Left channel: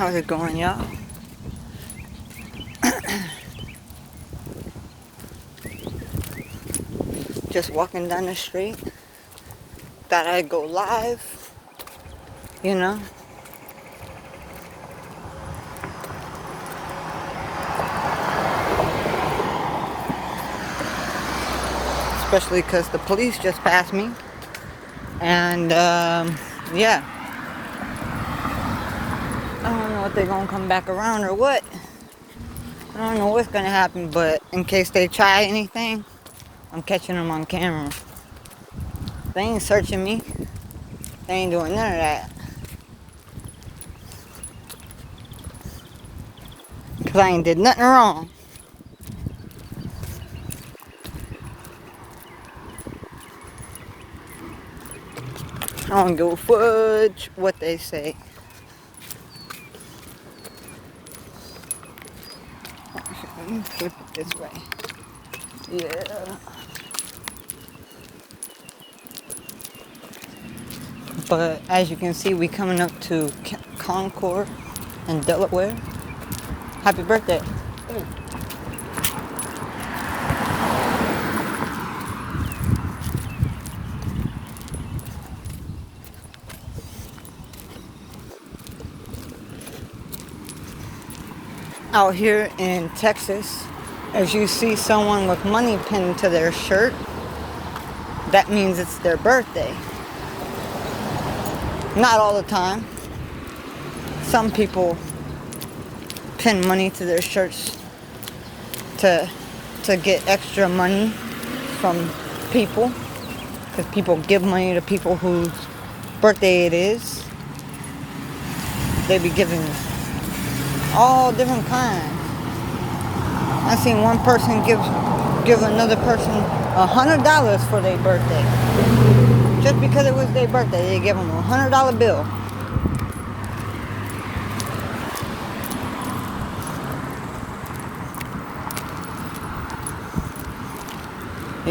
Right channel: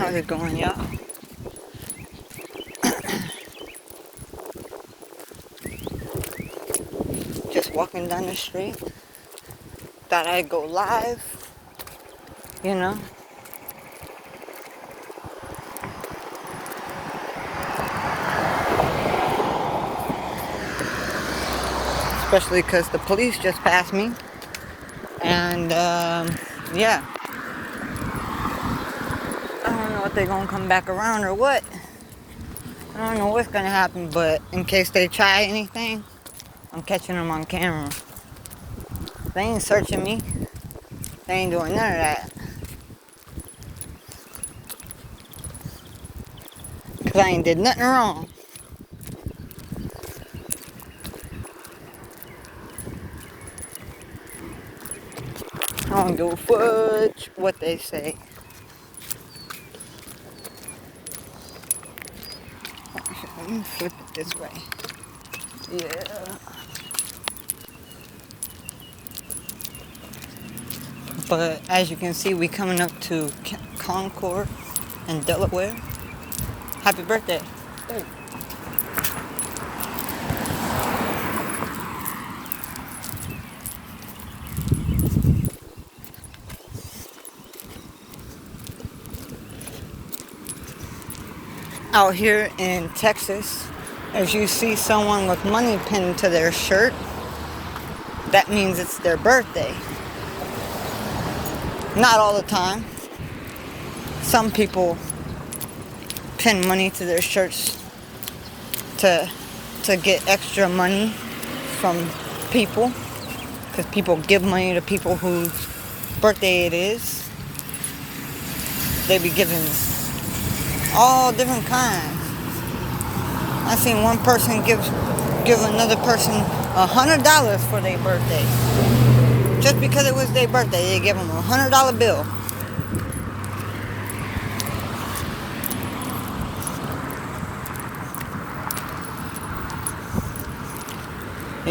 How's it going, y'all? Just walking down the street. Thought I'd go live, you know. Especially because the police just passed me. And, yeah. I don't know if they're going to come back around or what. I don't know what's going to happen, but in case they try anything, I'm catching them on camera. They ain't searching me. They ain't doing none of that. Because I ain't did nothing wrong. I don't give a fudge what they say. Let me flip it this way. Yeah. But as you can see, we coming up to Concord in Delaware. Happy birthday. Hey. Out here in Texas, as you see someone with money pinned to their shirt, that means it's their birthday. Not all the time. Some people pin money to their shirts to get extra money from people, because people give money to people whose birthday it is. They be giving all different kinds. I seen one person give another person $100 for their birthday. Just because it was their birthday, they give them a $100 bill.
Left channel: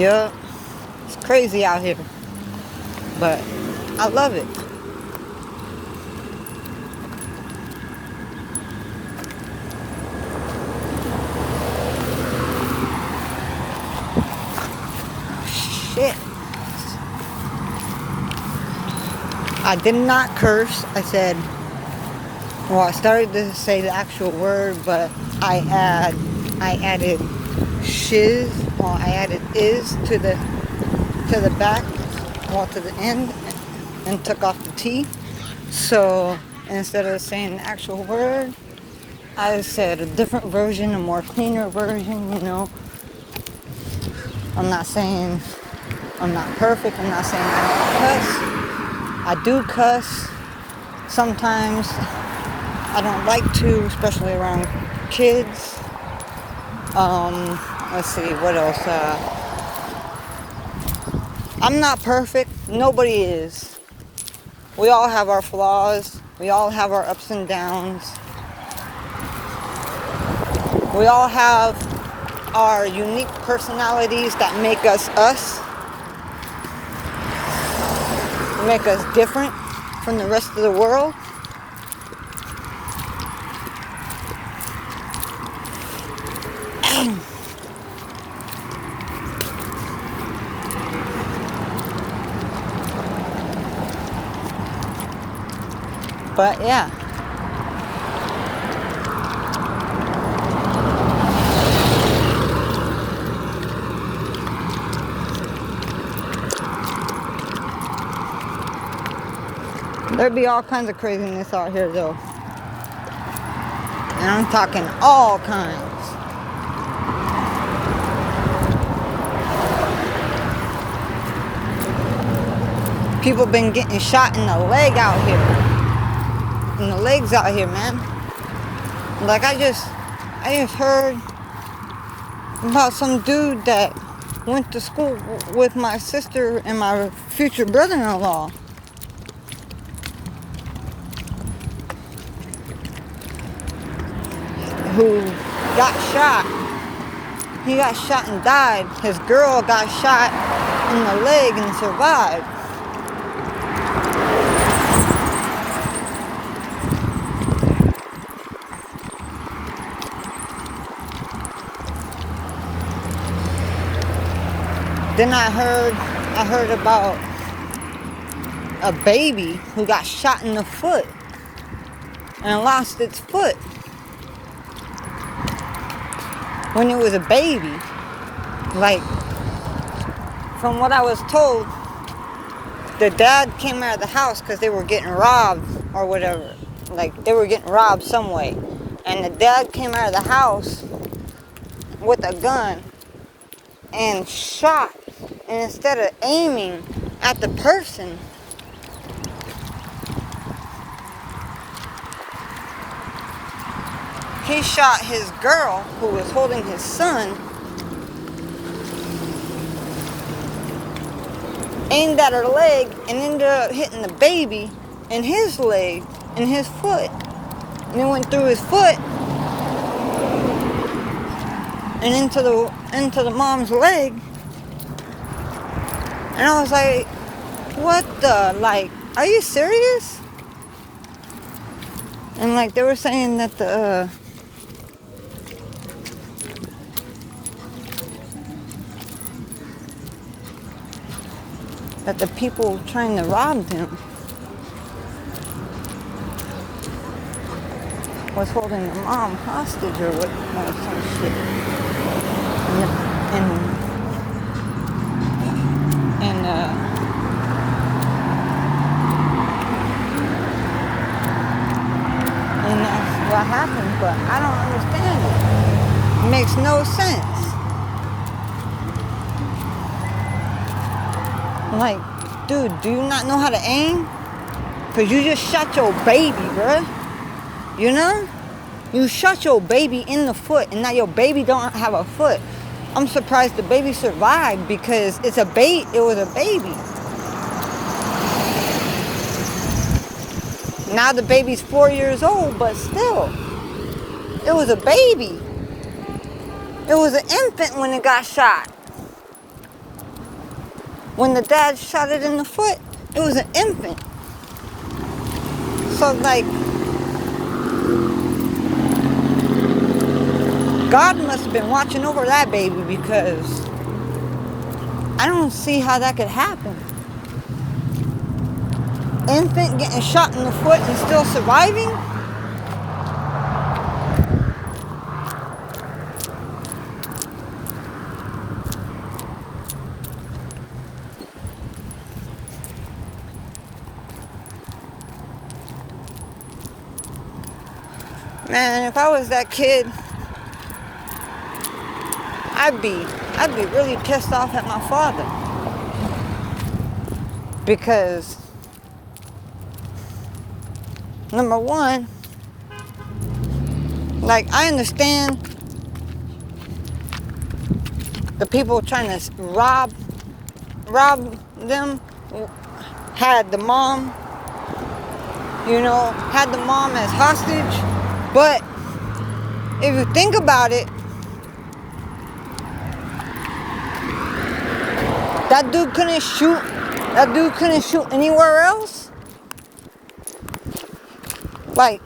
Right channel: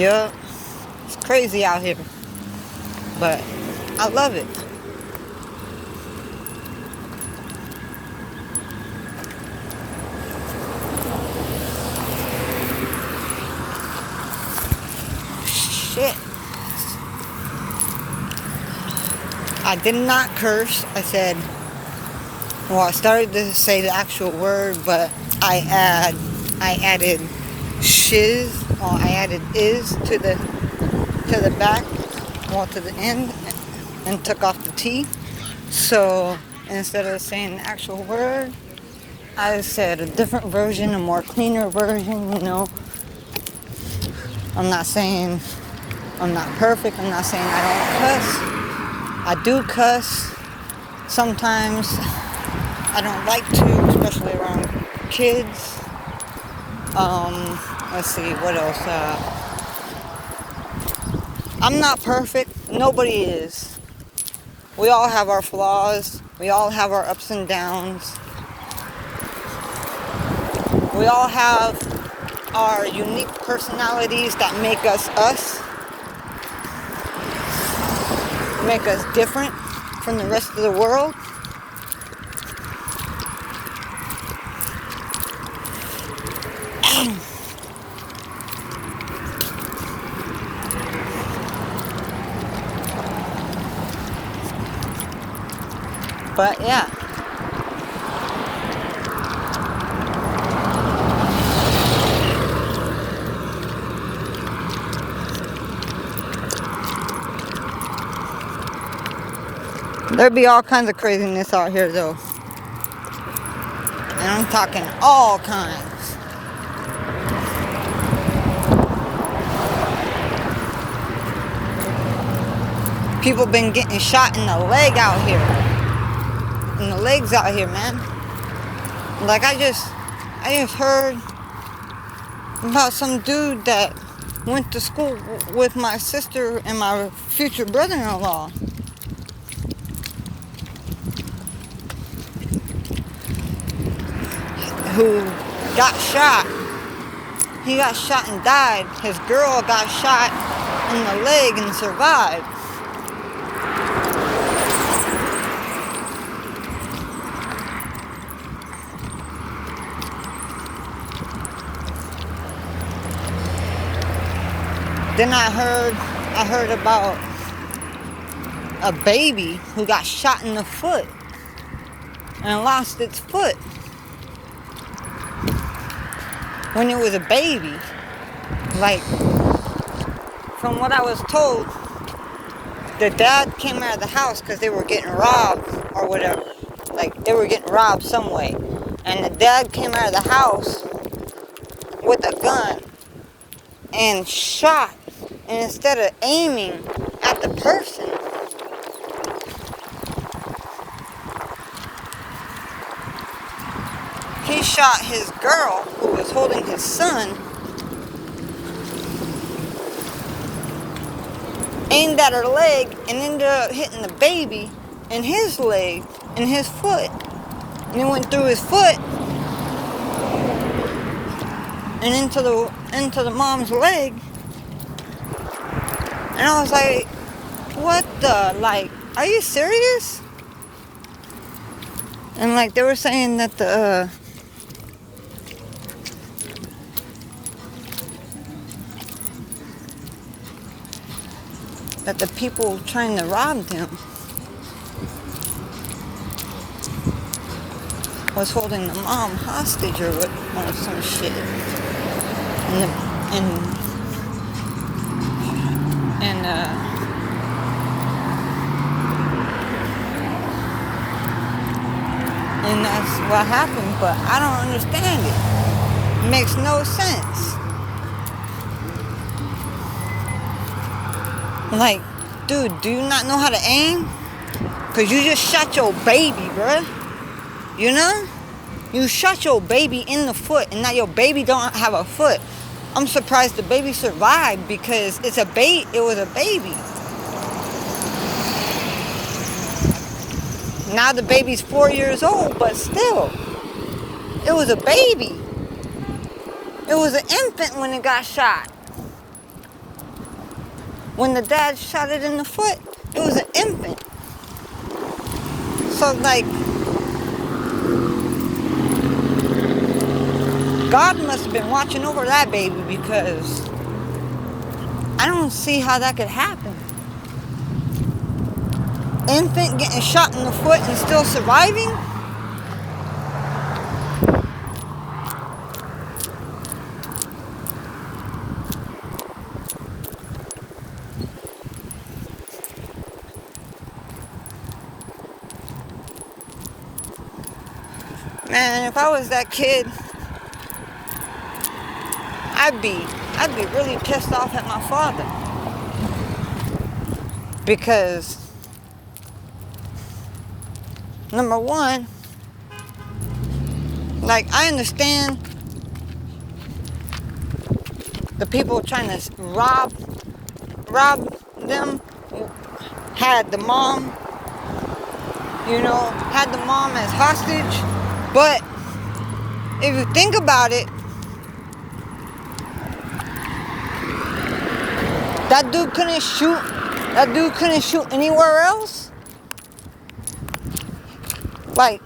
Yup, it's crazy out here, but I love it. Shit. I did not curse. I started to say the actual word, but I added shiz. Well, I added is to the back, to the end, and took off the T. So instead of saying the actual word, I said a different version, a more cleaner version, you know. I'm not saying I'm not perfect. I'm not saying I don't cuss. I do cuss. Sometimes I don't like to, especially around kids. Let's see, what else? I'm not perfect. Nobody is. We all have our flaws. We all have our ups and downs. We all have our unique personalities that make us us. Make us different from the rest of the world. But yeah. There'd be all kinds of craziness out here though. And I'm talking all kinds. People been getting shot in the leg out here. In the legs out here, man. Like I just heard about some dude that went to school with my sister and my future brother-in-law. Who got shot. He got shot and died. His girl got shot in the leg and survived. Then I heard about a baby who got shot in the foot and lost its foot when it was a baby. Like, from what I was told, the dad came out of the house because they were getting robbed or whatever. Like, they were getting robbed some way. And the dad came out of the house with a gun and shot. And instead of aiming at the person, he shot his girl who was holding his son, aimed at her leg, and ended up hitting the baby in his leg, in his foot. And it went through his foot and into the mom's leg. And I was like, what the, like, are you serious? And like, they were saying that the people trying to rob them was holding the mom hostage or what, or some shit. And that's what happened, but I don't understand it. It makes no sense. Like, dude, do you not know how to aim? Cause you just shot your baby, bruh. You know? You shot your baby in the foot, and now your baby don't have a foot. I'm surprised the baby survived because it was a baby. Now the baby's 4 years old, but still, it was a baby. It was an infant when it got shot. When the dad shot it in the foot, it was an infant. So, like, God must have been watching over that baby because I don't see how that could happen. Infant getting shot in the foot and still surviving? Man, if I was that kid, I'd be really pissed off at my father. Because, number one, like, I understand the people trying to rob them had the mom as hostage. But if you think about it, that dude couldn't shoot anywhere else. Like,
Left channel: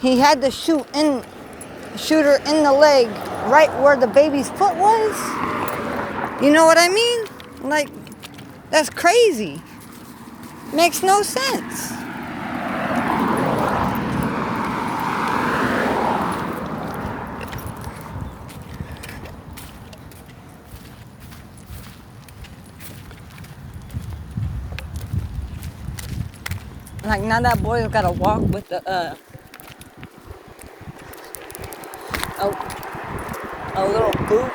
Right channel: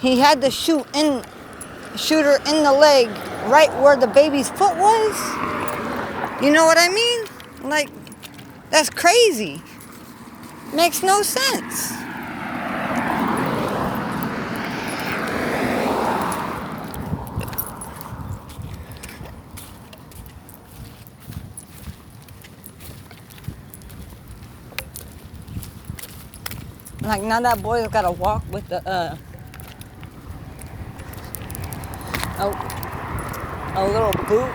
he had to shoot her in the leg right where the baby's foot was. You know what I mean? Like, that's crazy. Makes no sense. Like, now that boy's gotta walk with a little boot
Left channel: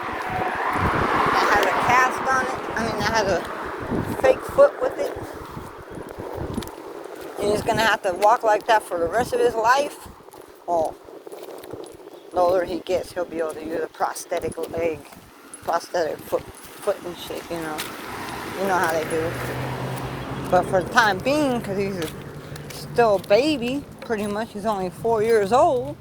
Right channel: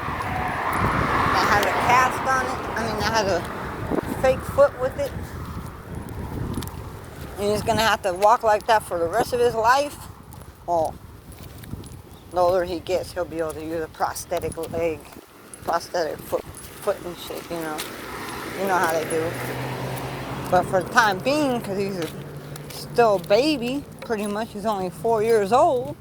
that has a cast on it. That has a fake foot with it. And he's gonna have to walk like that for the rest of his life. Well, the older he gets, he'll be able to use a prosthetic leg, prosthetic foot and shit, you know. You know how they do. But for the time being, because he's still a baby, pretty much, he's only 4 years old.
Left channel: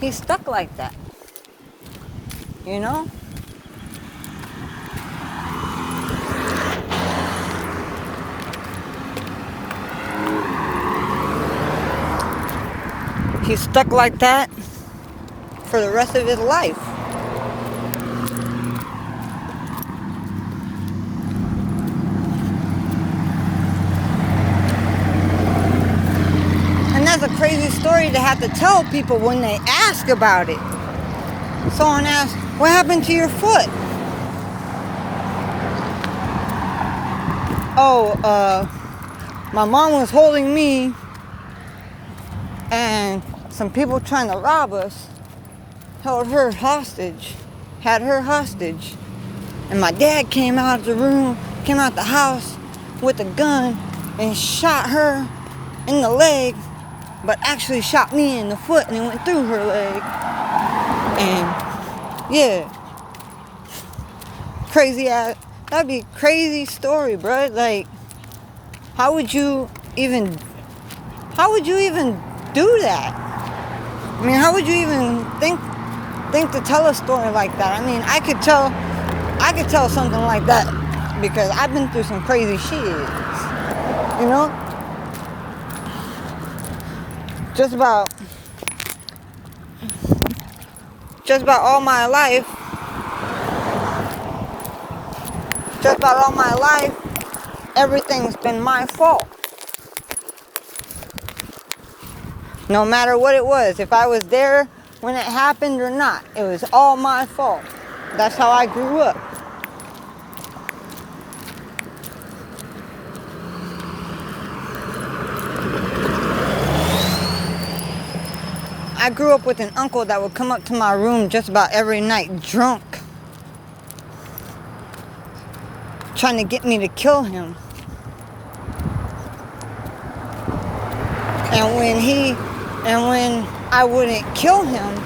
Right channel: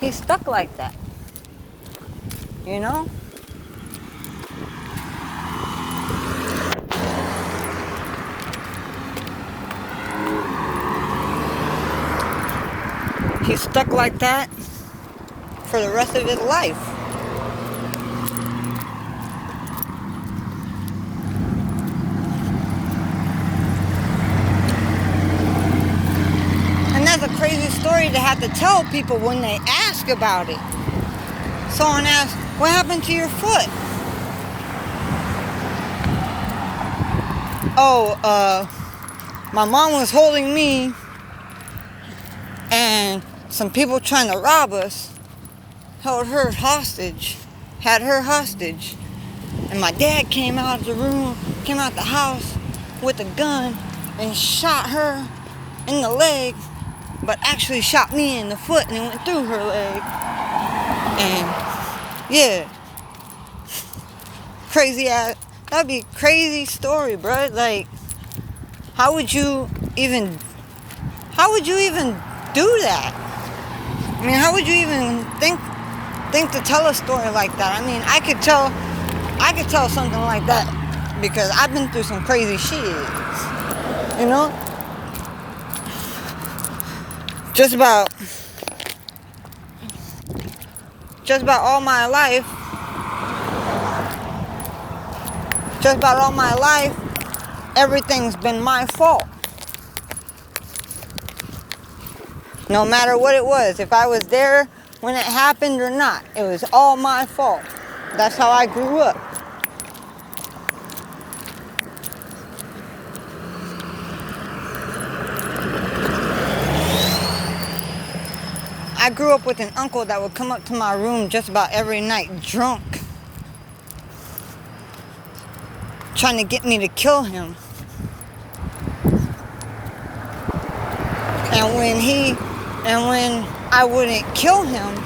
He's stuck like that. You know? He's stuck like that for the rest of his life. And that's a crazy story to have to tell people when they ask about it. Someone asks, what happened to your foot? Oh, my mom was holding me and some people trying to rob us had her hostage. And my dad came out of the house with a gun and shot her in the leg, but actually shot me in the foot and it went through her leg. And yeah, crazy ass. That'd be a crazy story, bro. Like, how would you even do that? I mean, how would you even think to tell a story like that? I mean, I could tell something like that because I've been through some crazy shit, you know? Just about all my life, everything's been my fault. No matter what it was, if I was there when it happened or not, it was all my fault. That's how I grew up. I grew up with an uncle that would come up to my room just about every night drunk, trying to get me to kill him. And when I wouldn't kill him,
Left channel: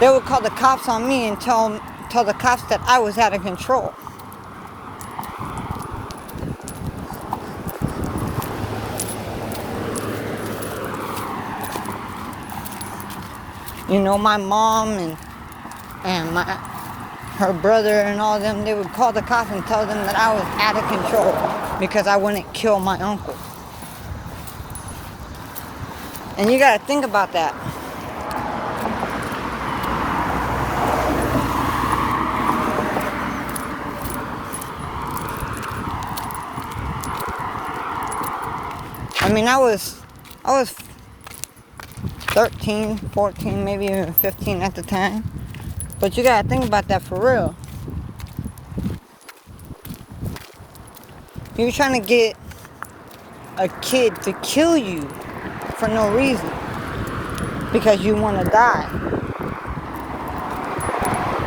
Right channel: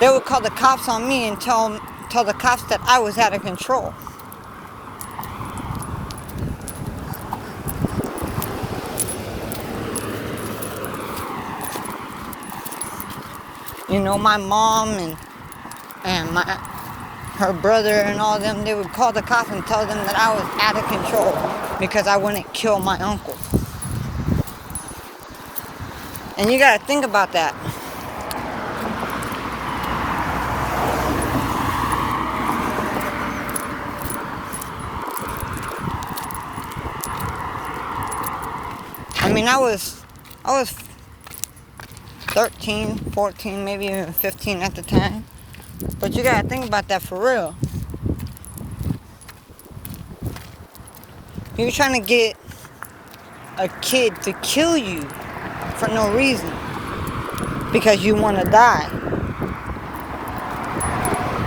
they would call the cops on me and tell the cops that I was out of control. You know, my mom and her brother and all them, they would call the cops and tell them that I was out of control because I wouldn't kill my uncle. And you gotta think about that. I mean, I was 13, 14, maybe even 15 at the time. But you gotta think about that for real. You're trying to get a kid to kill you for no reason because you want to die.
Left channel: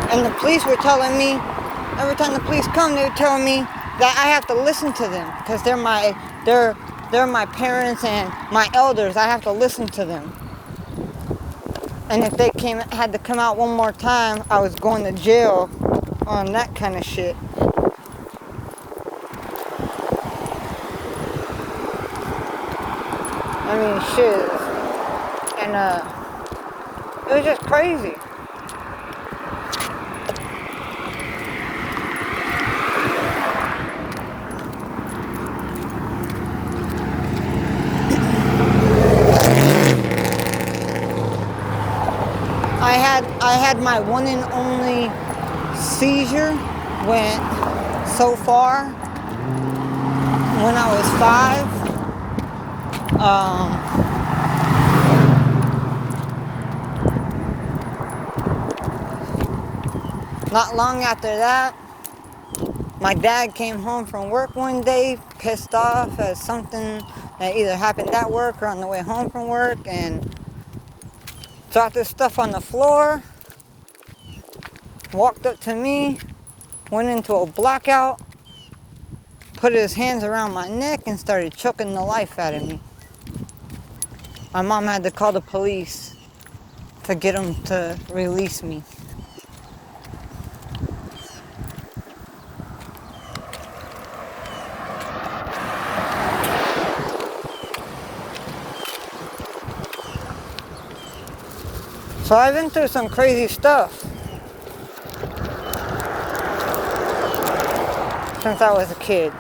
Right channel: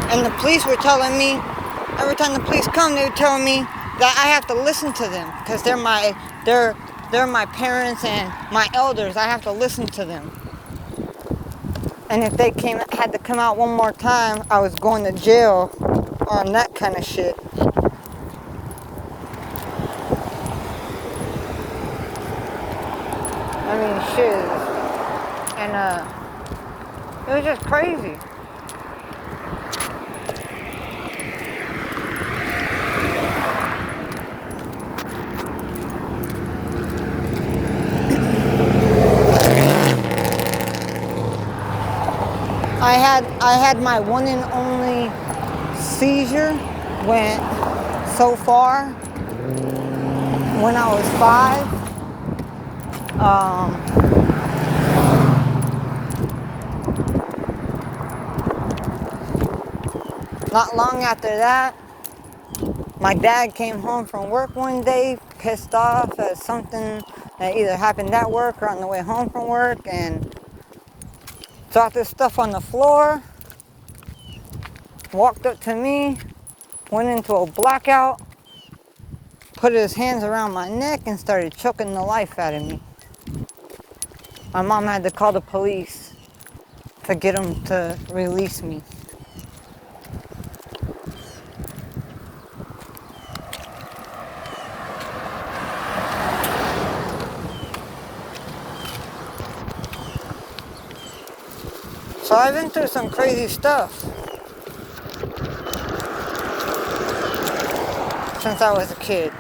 And the police were telling me, every time the police come, they were telling me that I have to listen to them because they're my parents and my elders. I have to listen to them. And if they had to come out one more time, I was going to jail on that kind of shit. I mean, shit. And it was just crazy. I had my one and only seizure when I was 5. Not long after that, my dad came home from work one day, pissed off at something that either happened at work or on the way home from work, and dropped his stuff on the floor, walked up to me, went into a blackout, put his hands around my neck, and started choking the life out of me. My mom had to call the police to get him to release me. So I've been through some crazy stuff since I was a kid.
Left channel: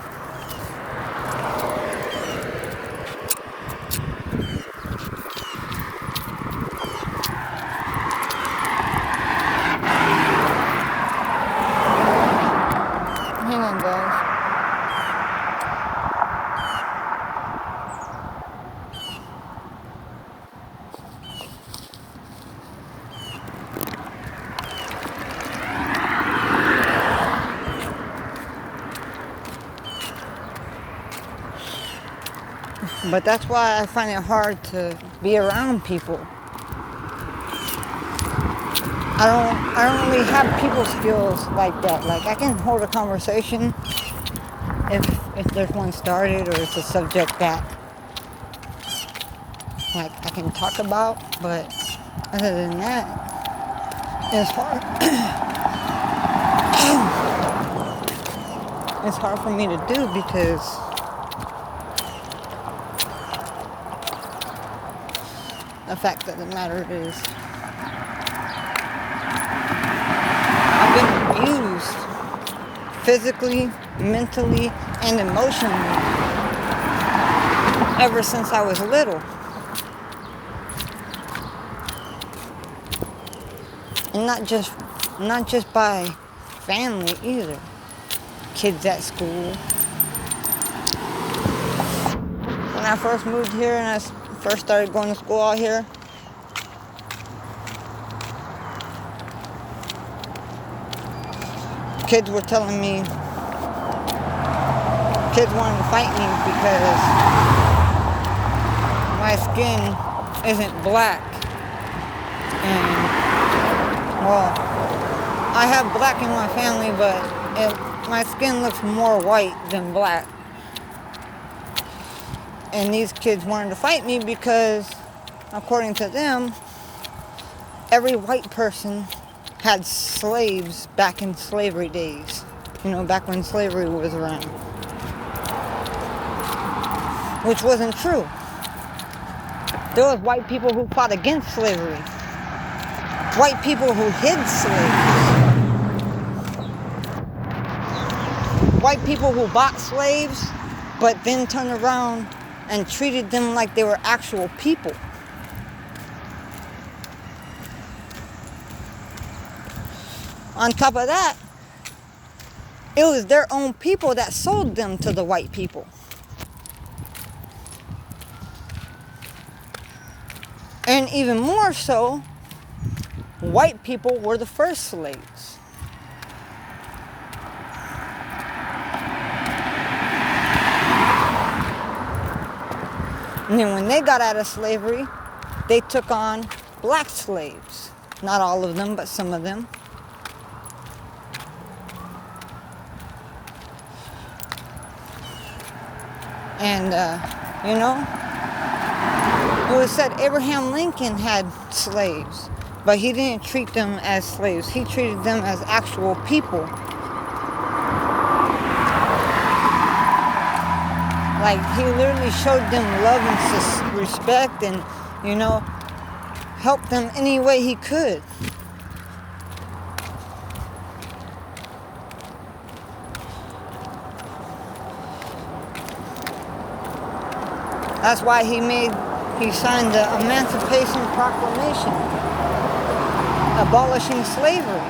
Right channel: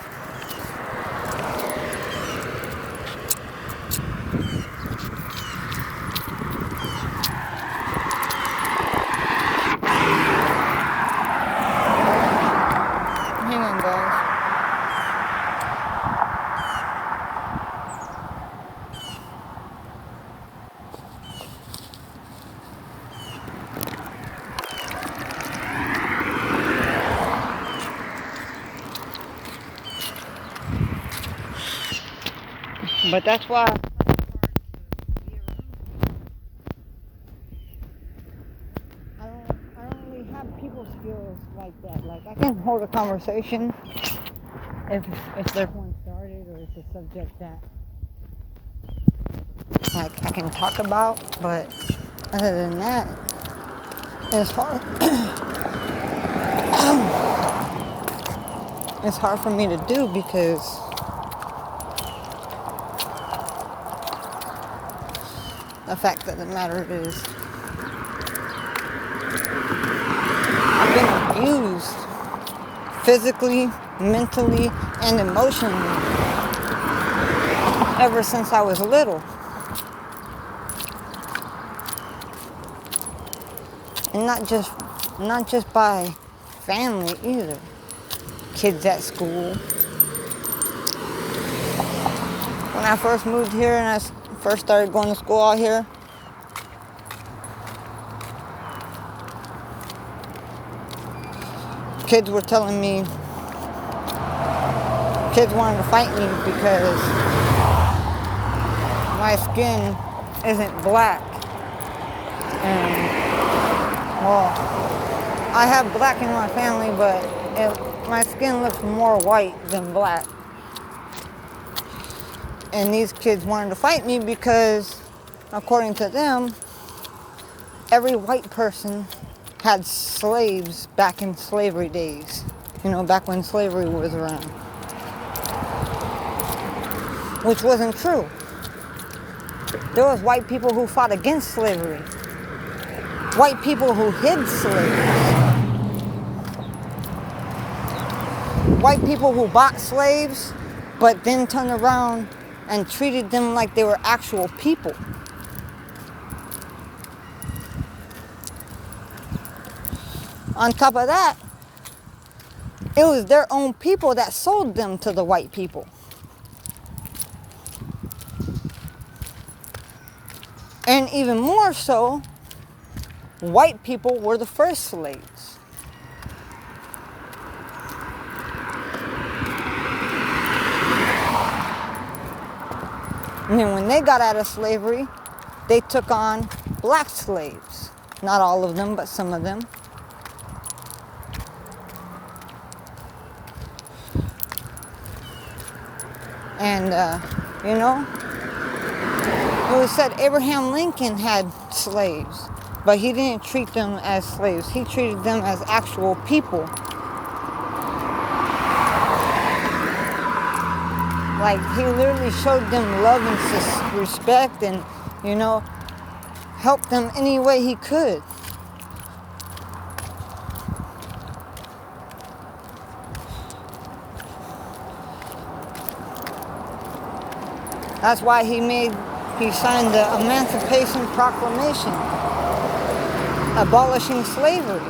But that's why I find it hard to be around people. I don't really have people skills like that. Like I can hold a conversation if there's one started or it's a subject that like I can talk about, but other than that, it's hard. It's hard for me to do because the fact of the matter is I've been abused physically, mentally, and emotionally ever since I was little. And not just by family either. Kids at school. When I first moved here and I first started going to school out here, kids were telling me, kids wanted to fight me because my skin isn't black. And, well, I have black in my family, but my skin looks more white than black. And these kids wanted to fight me because, according to them, every white person had slaves back in slavery days. You know, back when slavery was around. Which wasn't true. There was white people who fought against slavery. White people who hid slaves. White people who bought slaves, but then turned around and treated them like they were actual people. On top of that, it was their own people that sold them to the white people. And even more so, white people were the first slaves. And then when they got out of slavery, they took on black slaves. Not all of them, but some of them. And, you know, it was said Abraham Lincoln had slaves, but he didn't treat them as slaves. He treated them as actual people. Like, he literally showed them love and respect and, you know, helped them any way he could. That's why he signed the Emancipation Proclamation, abolishing slavery.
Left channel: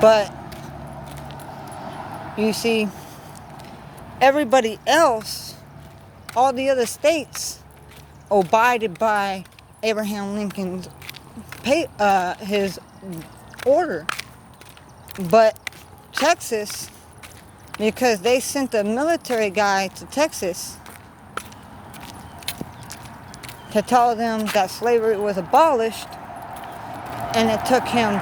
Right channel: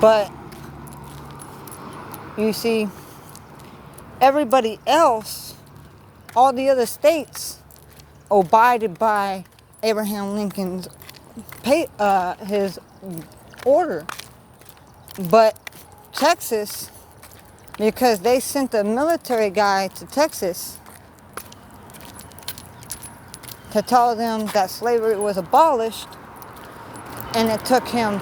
But, you see, everybody else, all the other states, abided by Abraham Lincoln's his order. But Texas, because they sent a military guy to Texas to tell them that slavery was abolished, and it took him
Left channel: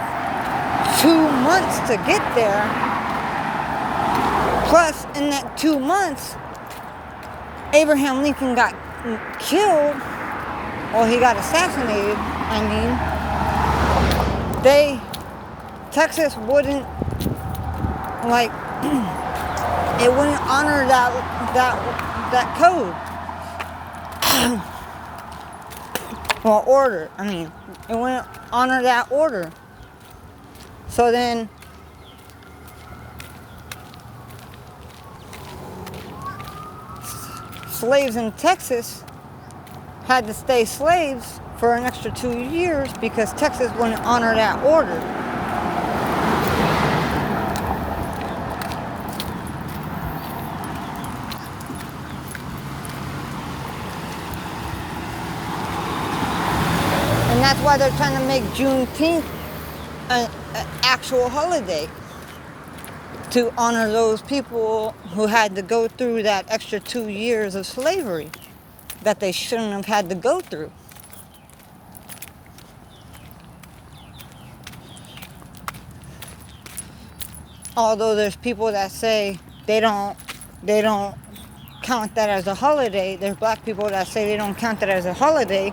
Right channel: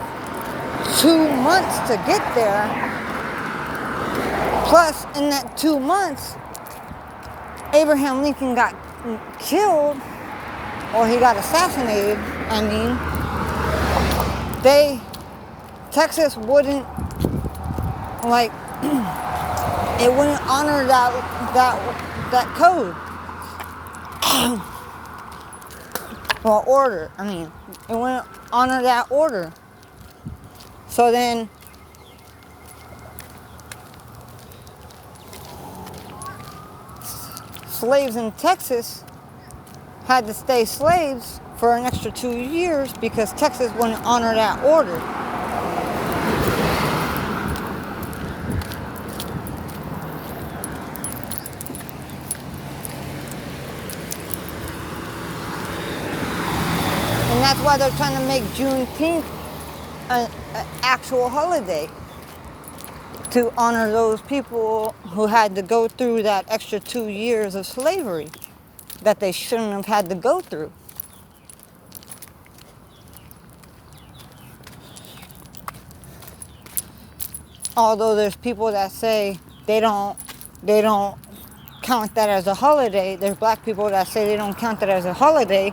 2 months to get there. Plus, in that 2 months, Abraham Lincoln got killed, or he got assassinated, Texas wouldn't, like, it wouldn't honor that code. Well, order. It wouldn't honor that order. So then, slaves in Texas had to stay slaves for an extra 2 years because Texas wouldn't honor that order. And that's why they're trying to make Juneteenth an actual holiday. to honor those people who had to go through that extra 2 years of slavery that they shouldn't have had to go through. Although there's people that say they don't count that as a holiday. There's black people that say they don't count that as a holiday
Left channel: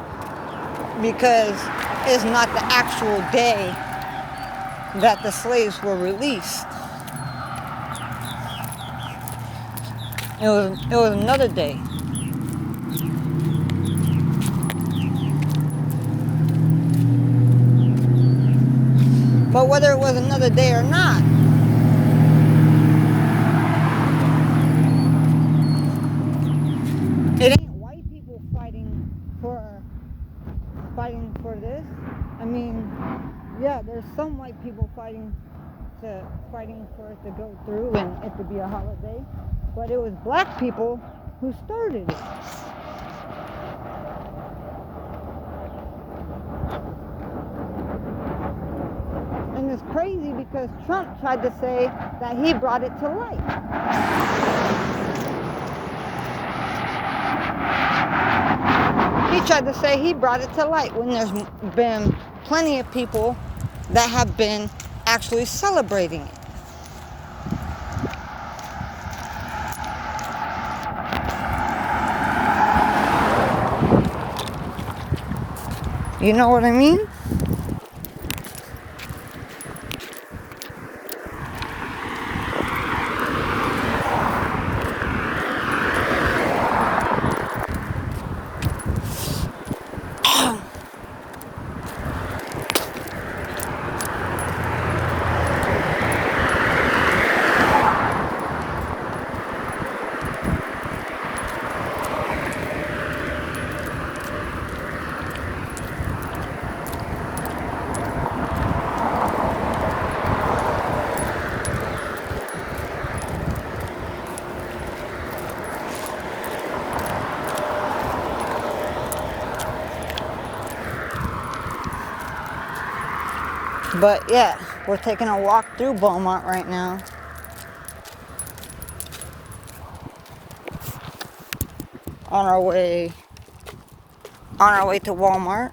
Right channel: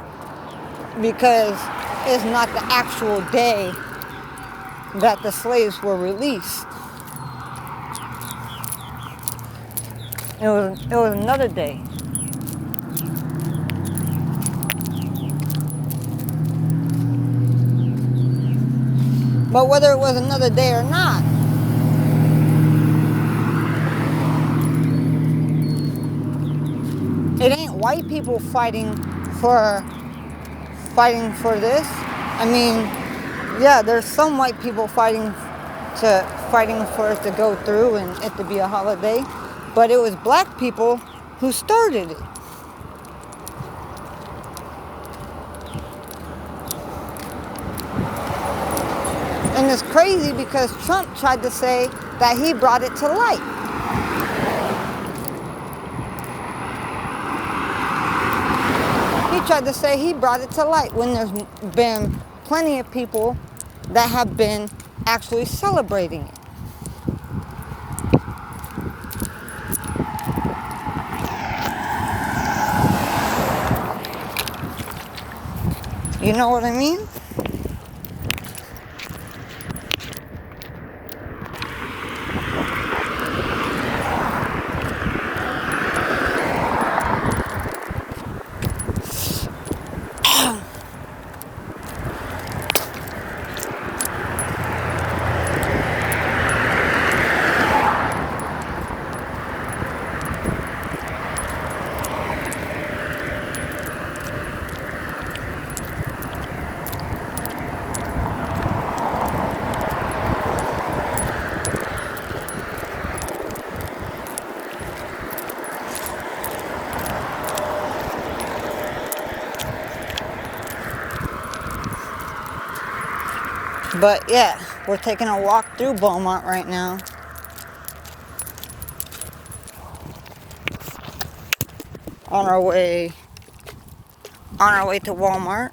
because it's not the actual day that the slaves were released. It was another day. But whether it was another day or not, it ain't white people fighting for this. I mean, yeah, there's some white people fighting for it to go through and it to be a holiday, but it was black people who started it. And it's crazy because Trump tried to say that he brought it to light. He tried to say he brought it to light when there's been plenty of people that have been actually celebrating it. You know what I mean? But yeah, we're taking a walk through Beaumont right now. On our way to Walmart.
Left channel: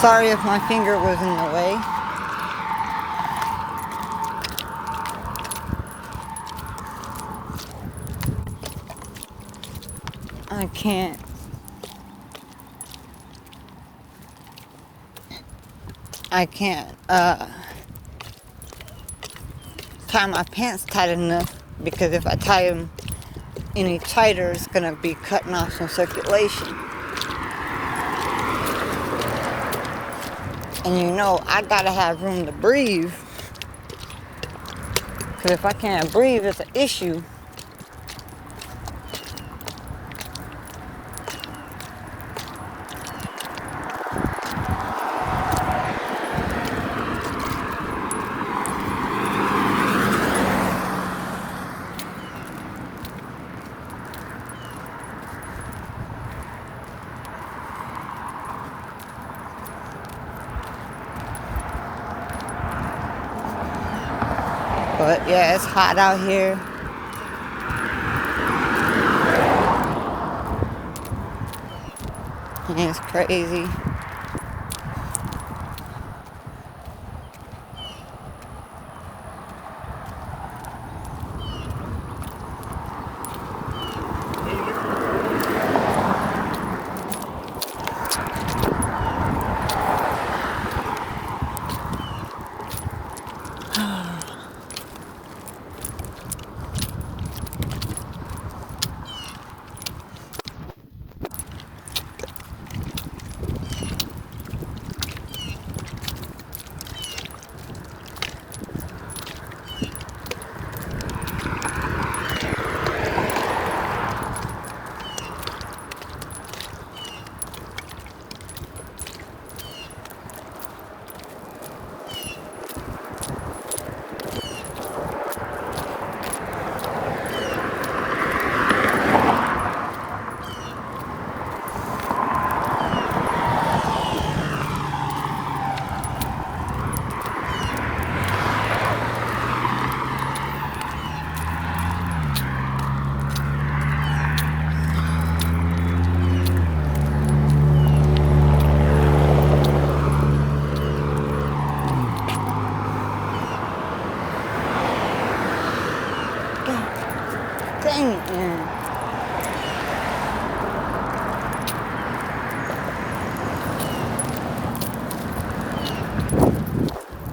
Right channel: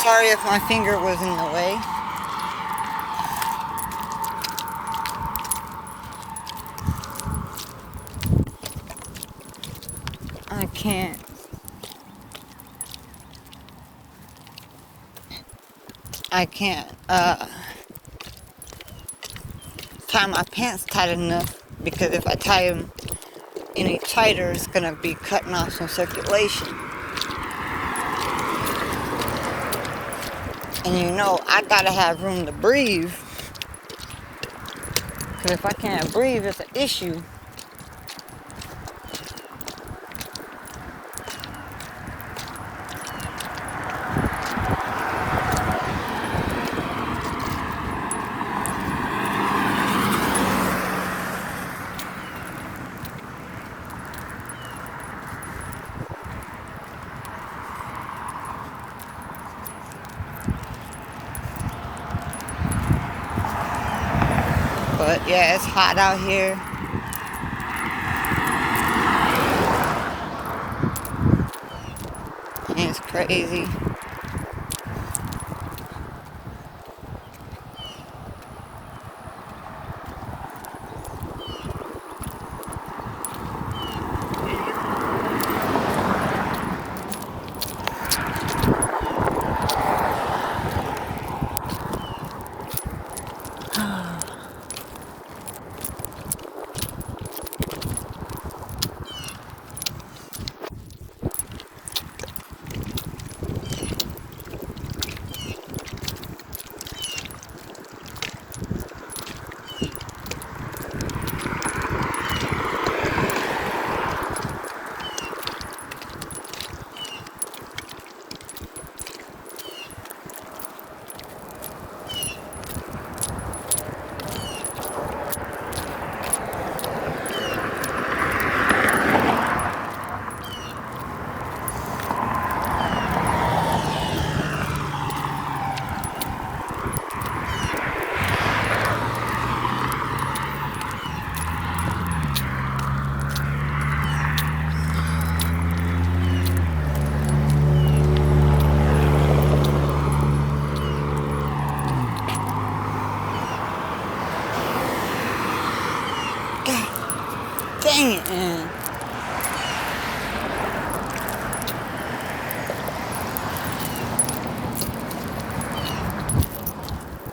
Sorry if my finger was in the way. I can't. Tie my pants tight enough, because if I tie them any tighter, it's gonna be cutting off some circulation. And you know, I gotta have room to breathe. Because if I can't breathe, it's an issue. But yeah, it's hot out here. And it's crazy. God dang it, man.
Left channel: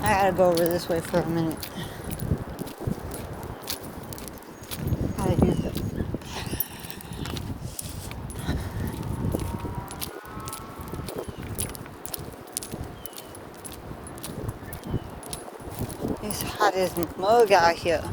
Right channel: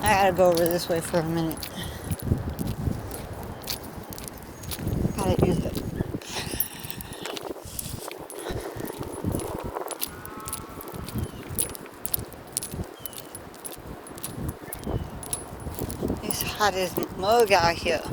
I gotta go over this way for a minute. Gotta use it. It's hot as mug out here.